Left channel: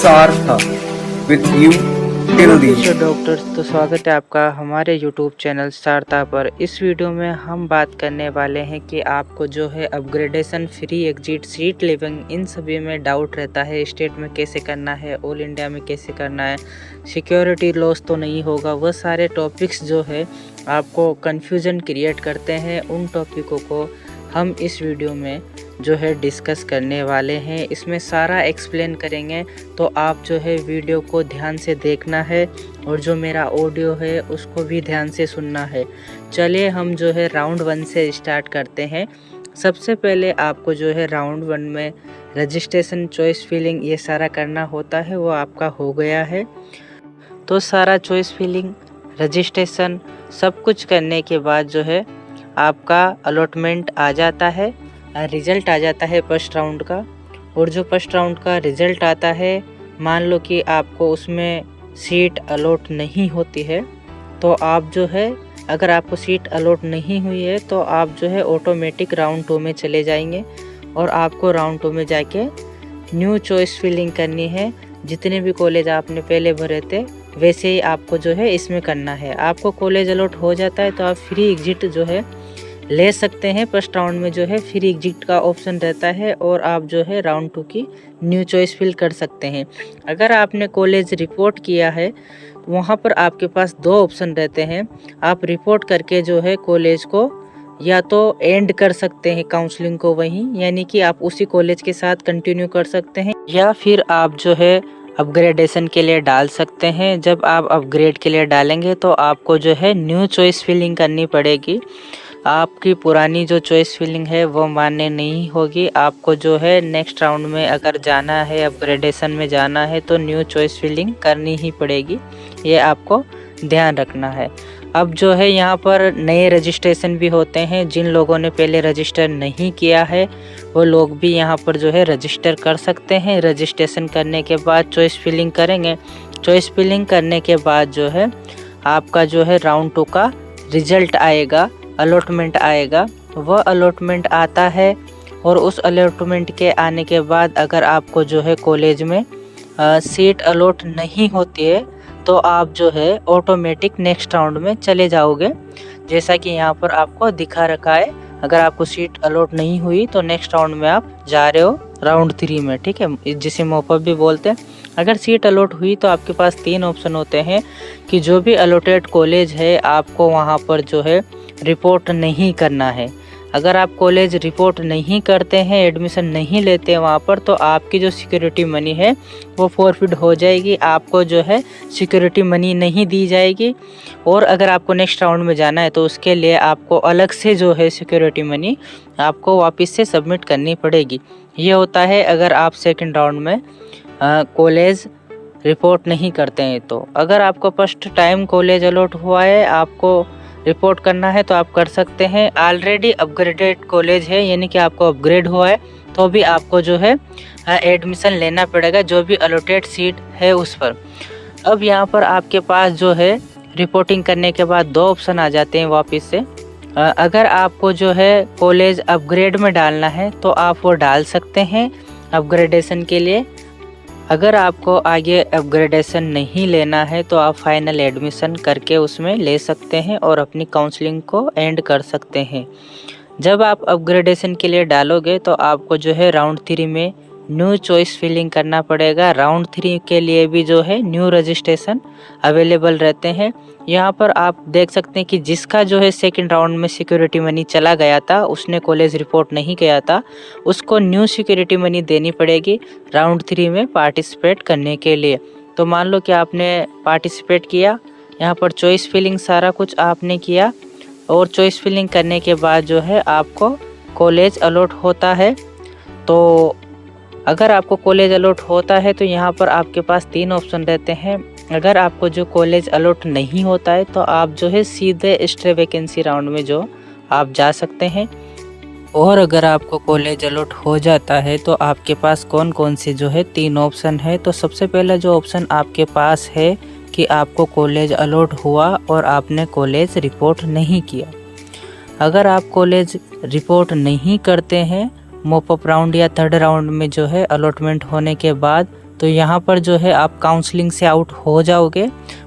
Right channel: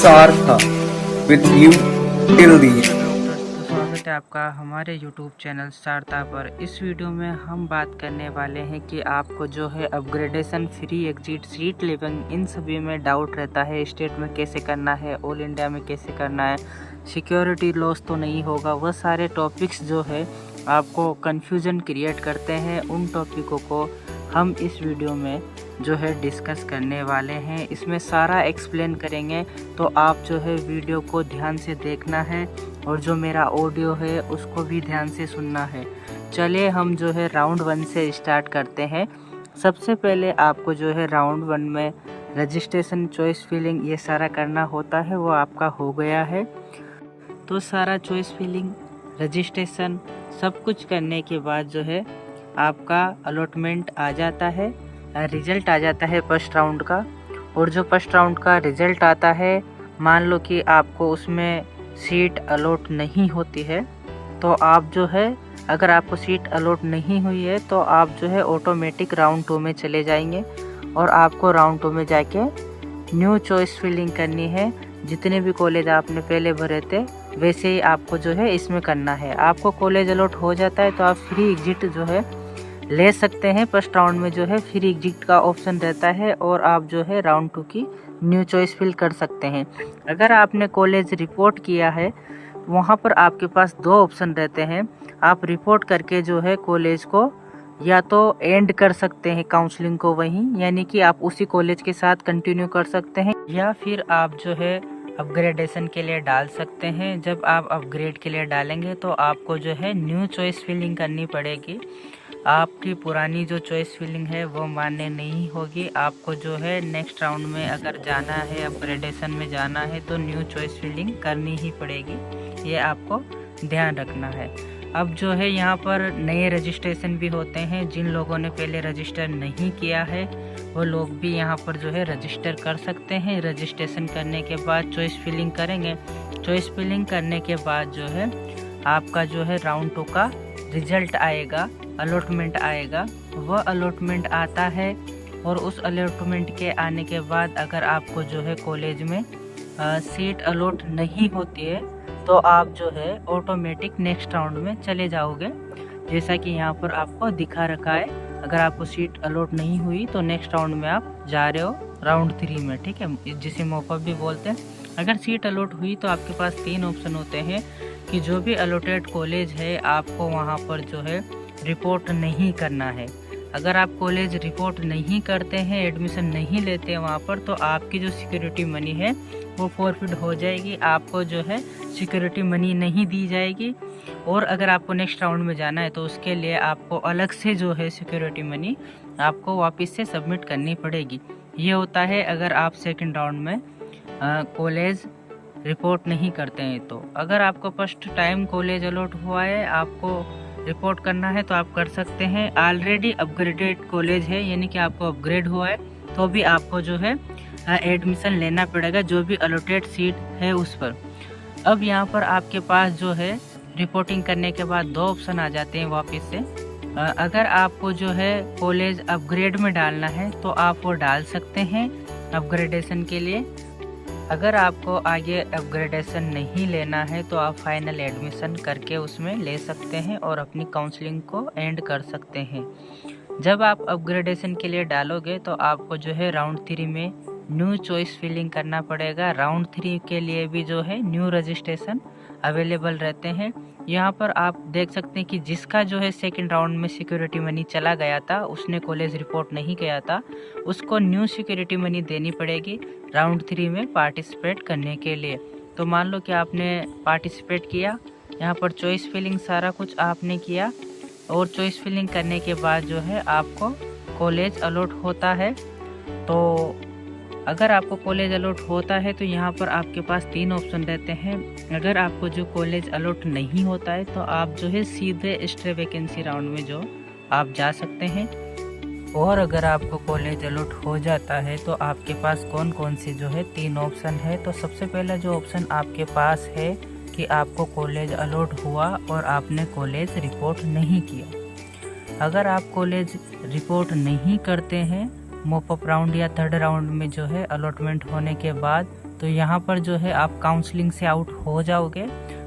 सार्था with you till the नमस्कार end। Doctors, तो स्वागत है आपका हमारे यूट्यूब चैनल सारता पर। इस वीडियो में हम बात करने वाले हैं कि आपको जो है upgradation, free exit, seat living, इन सभी में डाउट रहता है। स्टेट में कैसे करना है, ऑल इंडिया में कैसे करना है, सिक्योरिटी लॉस तो नहीं होगा, वह सारे टॉपिक्स जो है आपको कन्फ्यूज़न क्रिएट करते हैं। उन टॉपिकों को हम इस वीडियो में जो है डिस्कस करने वाले हैं। इसमें सारा एक्सप्लेन करेंगे, तो आप जो है वीडियो को ध्यान से देखना है और जो मेरा ऑडियो है उसको भी ध्यान से सुनना है। चलिए हम जो है राउंड 1 से स्टार्ट करते हैं। सबसे पहले आपको जो है राउंड 1 में रजिस्ट्रेशन, चॉइस फिलिंग ये सारा करना होता है, वो आपका हो गया है। तो सारा चॉइस फिलिंग, रजिस्ट्रेशन सब कुछ करने के बाद जो है आपका अलॉटमेंट आ जाता है, रिज़ल्ट आ जाता है फर्स्ट राउंड का। और जो फर्स्ट राउंड का रिज़ल्ट आता है, मान लो कि आपको उसमें सीट अलॉट नहीं होती है, तो आप जो है, अगर आपको सीट अलॉट नहीं हुई है तो आप जो है ऑटोमेटिक राउंड 2 में चले जाएंगे और आपको राउंड 2 में जाके न्यू चॉइस फिलिंग करनी है। जितने भी कॉलेज आपने पहले भरे थे वैसे ही आपको जो है इसमें करना है। आपको कॉलेज अलॉट हो जाता है तो आप फ्री एग्जिट जो है ले सकते हैं। फर्स्ट राउंड में जो है फ्री एग्जिट का ऑप्शन रहता है और आप जो है राउंड 2 की न्यू चॉइस फिल कर सकते हैं। अगर आपने कॉलेज रिपोर्ट किया है, वहाँ पर आपके पास 2 ऑप्शन रहते हैं। आप रिपोर्ट करके जो है कॉलेज को या तो एंड कर सकते हैं काउंसलिंग को वहीं, यानी कि आप उसी कॉलेज के साथ कंटिन्यू कर सकते हैं, या फिर आप जो है अपग्रेडेशन के लिए डाल सकते हैं। जब आप अपग्रेड के लिए डालेंगे तो आपको जो है न्यू चॉइस फिलिंग करनी पड़ेगी। आपकी पुरानी जो चॉइस फिलिंग है वो मान्य नहीं होगी। आपको जो है नेक्स्ट राउंड में अगर जाना है, अपग्रेडेशन में जाना है, तो न्यू चॉइस फिलिंग करनी ही पड़ेगी। ये आपको ध्यान रखना है। अब जो है यहाँ पर नए रजिस्ट्रेशन भी होते हैं। जिन लोगों ने पहले रजिस्टर नहीं किया है वो लोग भी यहाँ पर जो है रजिस्टर कर सकते हैं। रजिस्ट्रेशन करने के बाद चॉइस फिलिंग करेंगे। चॉइस फिलिंग करने के बाद जो है आपका जो है राउंड 2 का रिजल्ट आएगा, अलॉटमेंट आएगा। वह अलॉटमेंट आता है और उस अलॉटमेंट के आने के बाद अगर आपको जो है कॉलेज में सीट अलॉट नहीं होती है तो आप जो है ऑटोमेटिक नेक्स्ट राउंड में चले जाओगे। जैसा कि यहाँ पर आपको दिखा रखा है, अगर आपको सीट अलॉट नहीं हुई तो नेक्स्ट राउंड में आप जा रहे हो राउंड 3 में, ठीक है, जिसे मॉपअप भी बोलते हैं। अगर सीट अलॉट हुई तो आपके पास 3 ऑप्शन होते हैं कि जो भी अलॉटेड कॉलेज है आपको वहाँ पर जो है रिपोर्ट नहीं करना है। अगर आप कॉलेज रिपोर्ट नहीं करते हैं, एडमिशन नहीं लेते हैं वहाँ पर, तो आपकी जो सिक्योरिटी मनी है वो फॉरफिट हो जाएगी। आपको जो है सिक्योरिटी मनी नहीं दी जाएगी। और अगर आपको नेक्स्ट राउंड में जाना है तो उसके लिए आपको अलग से जो है सिक्योरिटी मनी आपको वापस से सबमिट करनी पड़ेगी। ये होता है अगर आप सेकंड राउंड में कॉलेज रिपोर्ट नहीं करते हैं। तो अगर आपको फर्स्ट टाइम कॉलेज अलॉट हुआ है, आपको रिपोर्ट करना है तो आप कर सकते हैं। ऑलरेडी अपग्रेडेड कॉलेज है, यानी कि आपको अपग्रेड हुआ है, तो भी आपको जो है एडमिशन लेना पड़ेगा जो भी अलॉटेड सीट है उस पर। अब यहाँ पर आपके पास जो है रिपोर्टिंग करने के बाद 2 ऑप्शन आ जाते हैं वापस से। अगर आपको जो है कॉलेज अपग्रेड में डालना है तो आप वो डाल सकते हैं अपग्रेडेशन के लिए। अगर आपको आगे अपग्रेडेशन नहीं लेना है तो आप फाइनल एडमिशन करके उसमें ले सकते हैं और अपनी काउंसलिंग को एंड कर सकते हैं। जब आप अपग्रेडेशन के लिए डालोगे तो आपको जो है राउंड 3 में न्यू चॉइस फिलिंग करना पड़ेगा। राउंड 3 के लिए भी जो है न्यू रजिस्ट्रेशन अवेलेबल रहते हैं। यहाँ पर आप देख सकते हैं कि जिसका जो है सेकंड राउंड में सिक्योरिटी मनी चला गया था, उसने कॉलेज रिपोर्ट नहीं किया था, उसको न्यू सिक्योरिटी मनी देनी पड़ेगी राउंड 3 में पार्टिसिपेट करने के लिए। तो मान लो कि आपने पार्टिसिपेट किया, यहाँ पर चॉइस फिलिंग सारा कुछ आपने किया और चॉइस फिलिंग करने के बाद जो है आपको कॉलेज अलॉट होता है। तो अगर आपको कॉलेज अलॉट होता है तो यहाँ पर आपके पास 3 ऑप्शन रहते हैं। अगर आपको जो कॉलेज अलॉट नहीं होता है तो आप जो है सीधे एक्स्ट्रा वैकेंसी राउंड में जो आप जा सकते हैं। और अगर आपको कॉलेज अलॉट हो जाता है तो आपके पास कौन कौन से जो है 3 ऑप्शन है। तो सबसे पहला जो ऑप्शन आपके पास है कि आपको कॉलेज अलॉट हुआ और आपने कॉलेज रिपोर्ट नहीं किया। अगर आप कॉलेज रिपोर्ट नहीं करते हैं, मॉपअप राउंड या थर्ड राउंड में जो है अलॉटमेंट होने के बाद तो यहाँ पर जो है आप काउंसलिंग से आउट हो जाओगे,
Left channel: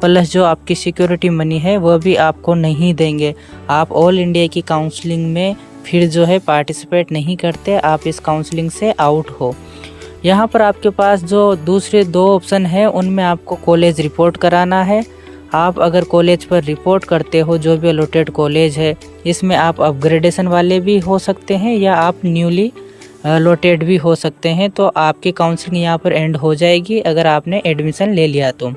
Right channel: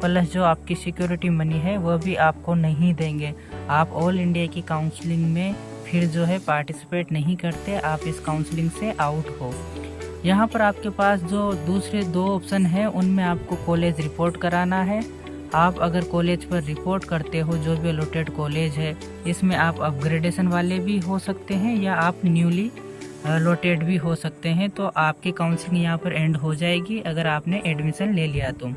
प्लस जो आपकी सिक्योरिटी मनी है वह भी आपको नहीं देंगे। आप ऑल इंडिया की काउंसलिंग में फिर जो है पार्टिसिपेट नहीं करते, आप इस काउंसलिंग से आउट हो। यहाँ पर आपके पास जो दूसरे 2 ऑप्शन है उनमें आपको कॉलेज रिपोर्ट कराना है। आप अगर कॉलेज पर रिपोर्ट करते हो, जो भी अलॉटेड कॉलेज है, इसमें आप अपग्रेडेशन वाले भी हो सकते हैं या आप न्यूली अलॉटेड भी हो सकते हैं। तो आपकी काउंसलिंग यहाँ पर एंड हो जाएगी अगर आपने एडमिशन ले लिया तो।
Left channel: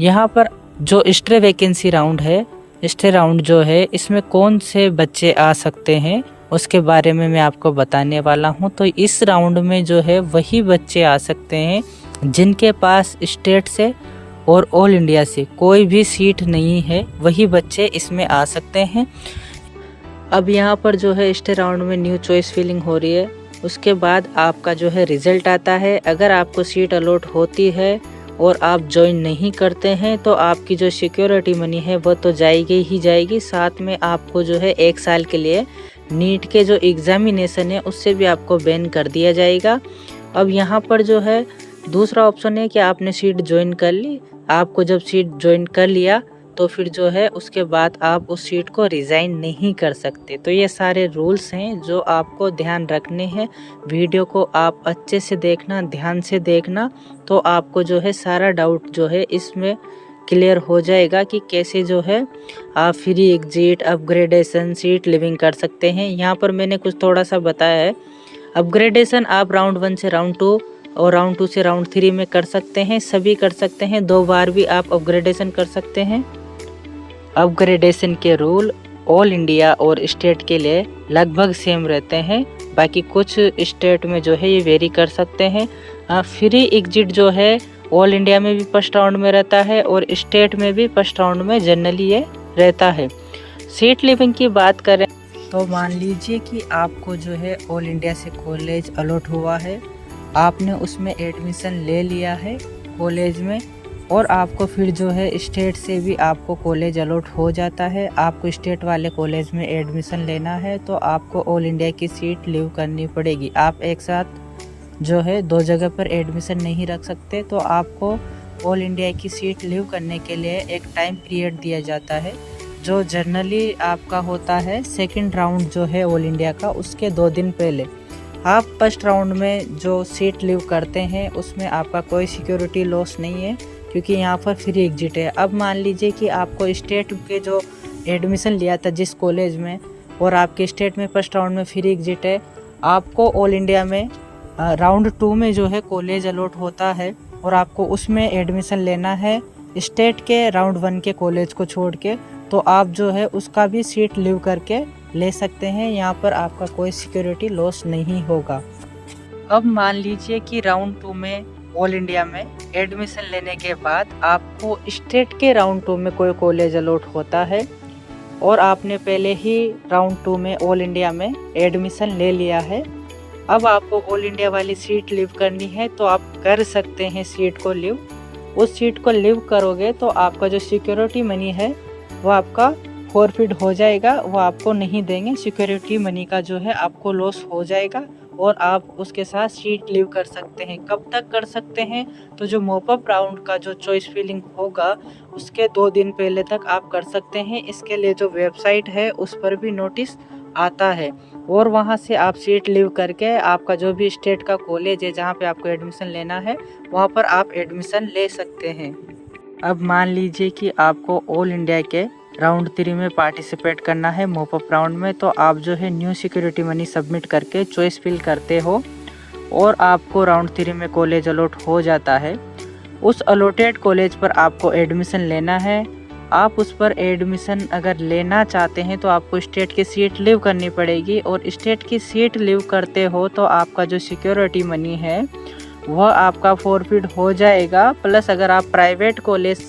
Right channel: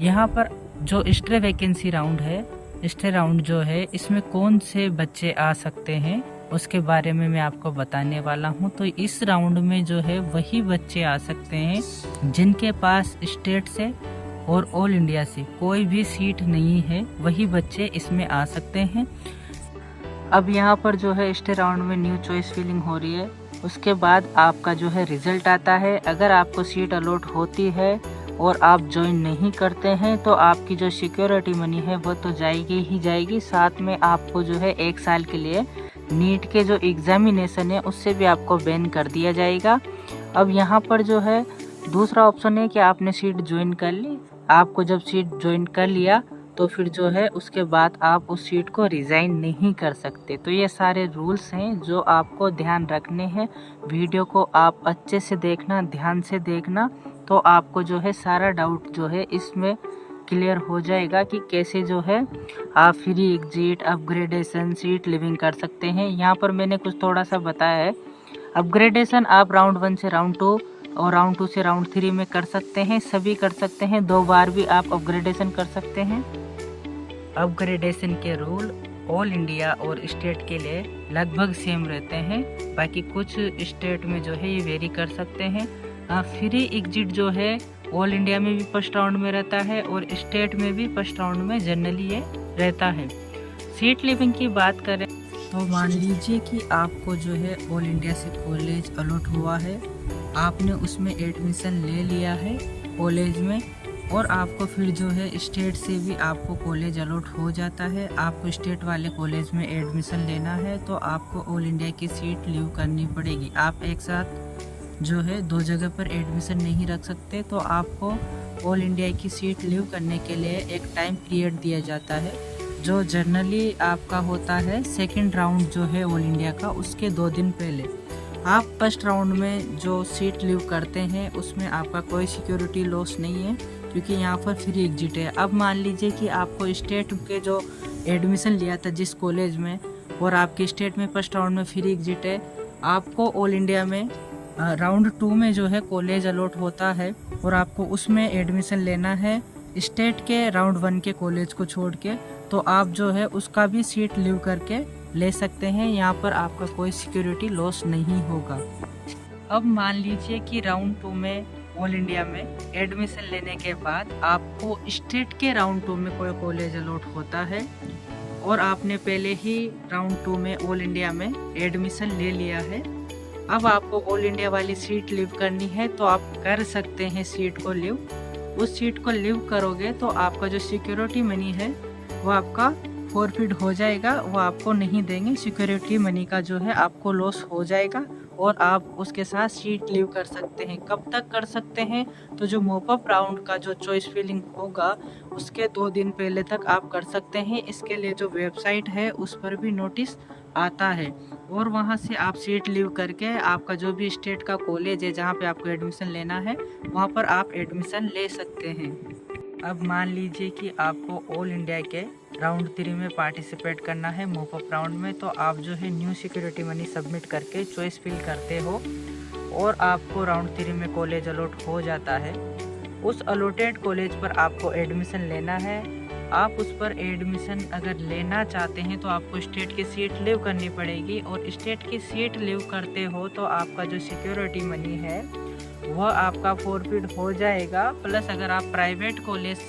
यहाँ पर जो स्टे वैकेंसी राउंड है, स्टे राउंड जो है, इसमें कौन से बच्चे आ सकते हैं उसके बारे में मैं आपको बताने वाला हूँ। तो इस राउंड में जो है वही बच्चे आ सकते हैं जिनके पास स्टेट से और ऑल इंडिया से कोई भी सीट नहीं है, वही बच्चे इसमें आ सकते हैं। अब यहाँ पर जो है स्टे राउंड में न्यू चॉइस फिलिंग हो रही है, उसके बाद आपका जो है रिजल्ट आता है। अगर आपको सीट अलॉट होती है और आप ज्वाइन नहीं करते हैं तो आपकी जो सिक्योरिटी मनी है वो तो जाएगी ही जाएगी, साथ में आपको जो है 1 साल के लिए नीट के जो एग्जामिनेशन है उससे भी आपको बैन कर दिया जाएगा। अब यहाँ पर जो है दूसरा ऑप्शन है कि आपने सीट ज्वाइन कर ली। आपको जब सीट ज्वाइन कर लिया तो फिर जो है उसके बाद आप उस सीट को रिज़ाइन नहीं कर सकते। तो ये सारे रूल्स हैं जो आपको ध्यान रखने हैं। वीडियो को आप अच्छे से देखना, ध्यान से देखना, तो आपको जो है सारा डाउट जो है इसमें क्लियर हो जाएगा कि कैसे जो है आप free exit, upgradation, seat living कर सकते हैं। यहाँ पर मैंने कुछ थोड़ा सा बताया है। अपग्रेडेशन आप राउंड 1 से राउंड 2 और राउंड 2 से राउंड 3 में कर सकते हैं, सभी कर सकते हैं। 2 बार भी आप अपग्रेडेशन कर सकते हैं। अपग्रेडेशन के रूल ऑल इंडिया और स्टेट के लिए लगभग सेम रहते हैं, बाकी कुछ स्टेट में जो है ये वेरी कर सकते हैं। फ्री एग्जिट जो है ऑल इंडिया में भी फर्स्ट राउंड में रहता है और स्टेट में भी फर्स्ट राउंड में जनरली ये रहता है। सीट लिविंग की बात करें तो मान लीजिए कि आपको जो है ऑल इंडिया से कॉलेज अलॉट हुआ है, आपने उसमें एडमिशन ले लिया है कॉलेज में, और आपको फिर जो है स्टेट से भी आपको कॉलेज अलॉट हो जाता है। आपको स्टेट वाले कॉलेज में एडमिशन लेना है तो आपको ऑल इंडिया की सीट लीव करनी पड़ेगी। आप एक साथ जो है 2 जगह पर एडमिशन नहीं रख सकते, तो आपको ऑल इंडिया की सीट लीव करने के लिए एक टाइम पीरियड दिया जाता है, जो जनरली आपका होता है 2nd राउंड जो है ऑल इंडिया का, उसके 2 दिन पहले। आप फर्स्ट राउंड में जो सीट लीव करते हैं उसमें आपका कोई सिक्योरिटी लॉस नहीं है, क्योंकि यहाँ पर फ्री एग्जिट है। अब मान लीजिए कि आपको स्टेट के जो एडमिशन लिया था जिस कॉलेज में, और आपके स्टेट में फर्स्ट राउंड में फ्री एग्जिट है, आपको ऑल इंडिया में राउंड 2 में जो है कॉलेज अलॉट होता है और आपको उसमें एडमिशन लेना है स्टेट के राउंड 1 के कॉलेज को छोड़ के, तो आप जो है उसका भी सीट लीव करके ले सकते हैं। यहाँ पर आपका कोई सिक्योरिटी लॉस नहीं होगा। अब मान लीजिए कि राउंड 2 में ऑल इंडिया में एडमिशन लेने के बाद आपको स्टेट के राउंड 2 में कोई कॉलेज अलॉट होता है और आपने पहले ही राउंड 2 में ऑल इंडिया में एडमिशन ले लिया है। अब आपको ऑल इंडिया वाली सीट लीव करनी है तो आप कर सकते हैं सीट को लीव। उस सीट को लीव करोगे तो आपका जो सिक्योरिटी मनी है वो आपका फॉरफिट हो जाएगा, वो आपको नहीं देंगे। सिक्योरिटी मनी का जो है आपको लॉस हो जाएगा और आप उसके साथ सीट लीव कर सकते हैं। कब तक कर सकते हैं? तो जो मॉपअप राउंड का जो चॉइस फिलिंग होगा उसके 2 दिन पहले तक आप कर सकते हैं। इसके लिए जो वेबसाइट है उस पर भी नोटिस आता है और वहां से आप सीट लीव करके आपका जो भी स्टेट का कॉलेज है जहां पे आपको एडमिशन लेना है वहां पर आप एडमिशन ले सकते हैं। अब मान लीजिए कि आपको ऑल इंडिया के राउंड 3 में पार्टिसिपेट करना है मॉपअप राउंड में, तो आप जो है न्यू सिक्योरिटी मनी सबमिट करके चॉइस फिल करते हो और आपको राउंड 3 में कॉलेज अलॉट हो जाता है। उस अलॉटेड कॉलेज पर आपको एडमिशन लेना है। आप उस पर एडमिशन अगर लेना चाहते हैं तो आपको स्टेट की सीट लीव करनी पड़ेगी और स्टेट की सीट लीव करते हो तो आपका जो सिक्योरिटी मनी है वह आपका फॉरफिट हो जाएगा। प्लस अगर आप प्राइवेट कॉलेज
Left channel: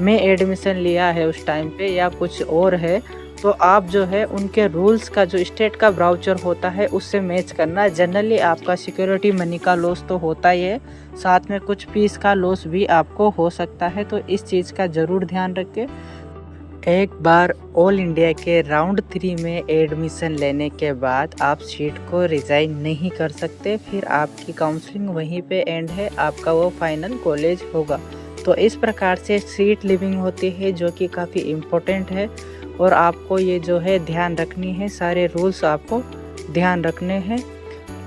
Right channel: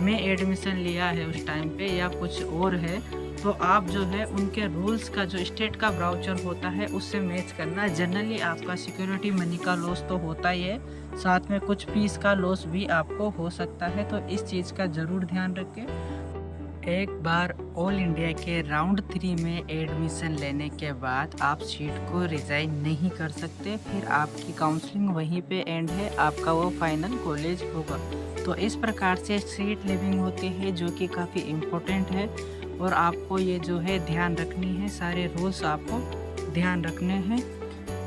में एडमिशन लिया है उस टाइम पे या कुछ और है तो आप जो है उनके रूल्स का जो स्टेट का ब्राउचर होता है उससे मैच करना। जनरली आपका सिक्योरिटी मनी का लॉस तो होता ही है, साथ में कुछ फीस का लॉस भी आपको हो सकता है, तो इस चीज़ का ज़रूर ध्यान रखें। एक बार ऑल इंडिया के राउंड 3 में एडमिशन लेने के बाद आप सीट को रिज़ाइन नहीं कर सकते, फिर आपकी काउंसलिंग वहीं पे एंड है, आपका वो फाइनल कॉलेज होगा। तो इस प्रकार से सीट लिविंग होती है जो कि काफ़ी इम्पोर्टेंट है और आपको ये जो है ध्यान रखनी है, सारे रूल्स आपको ध्यान रखने हैं।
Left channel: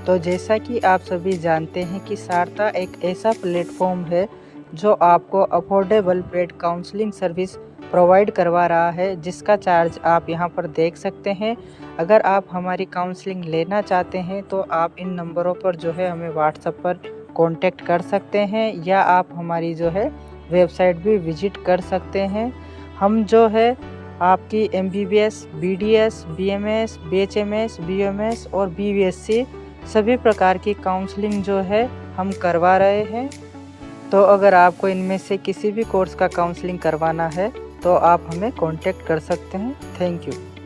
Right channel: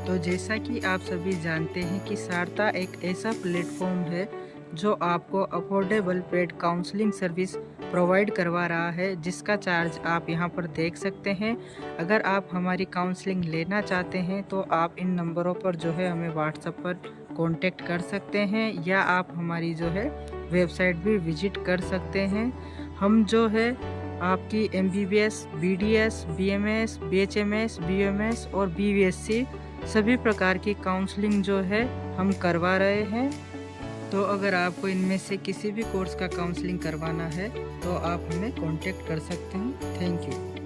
तो जैसा कि आप सभी जानते हैं कि सारता एक ऐसा प्लेटफॉर्म है जो आपको affordable paid counselling service provide करवा रहा है, जिसका चार्ज आप यहां पर देख सकते हैं। अगर आप हमारी काउंसलिंग लेना चाहते हैं तो आप इन नंबरों पर जो है हमें व्हाट्सएप पर कांटेक्ट कर सकते हैं या आप हमारी जो है वेबसाइट भी विजिट कर सकते हैं। हम जो है आपकी MBBS, BDS, BMS, BHMS, BMS और BVSC सभी प्रकार की काउंसलिंग जो है हम करवा रहे हैं। तो अगर आपको इनमें से किसी भी कोर्स का काउंसलिंग करवाना है तो आप हमें कांटेक्ट कर सकते हैं। Thank you.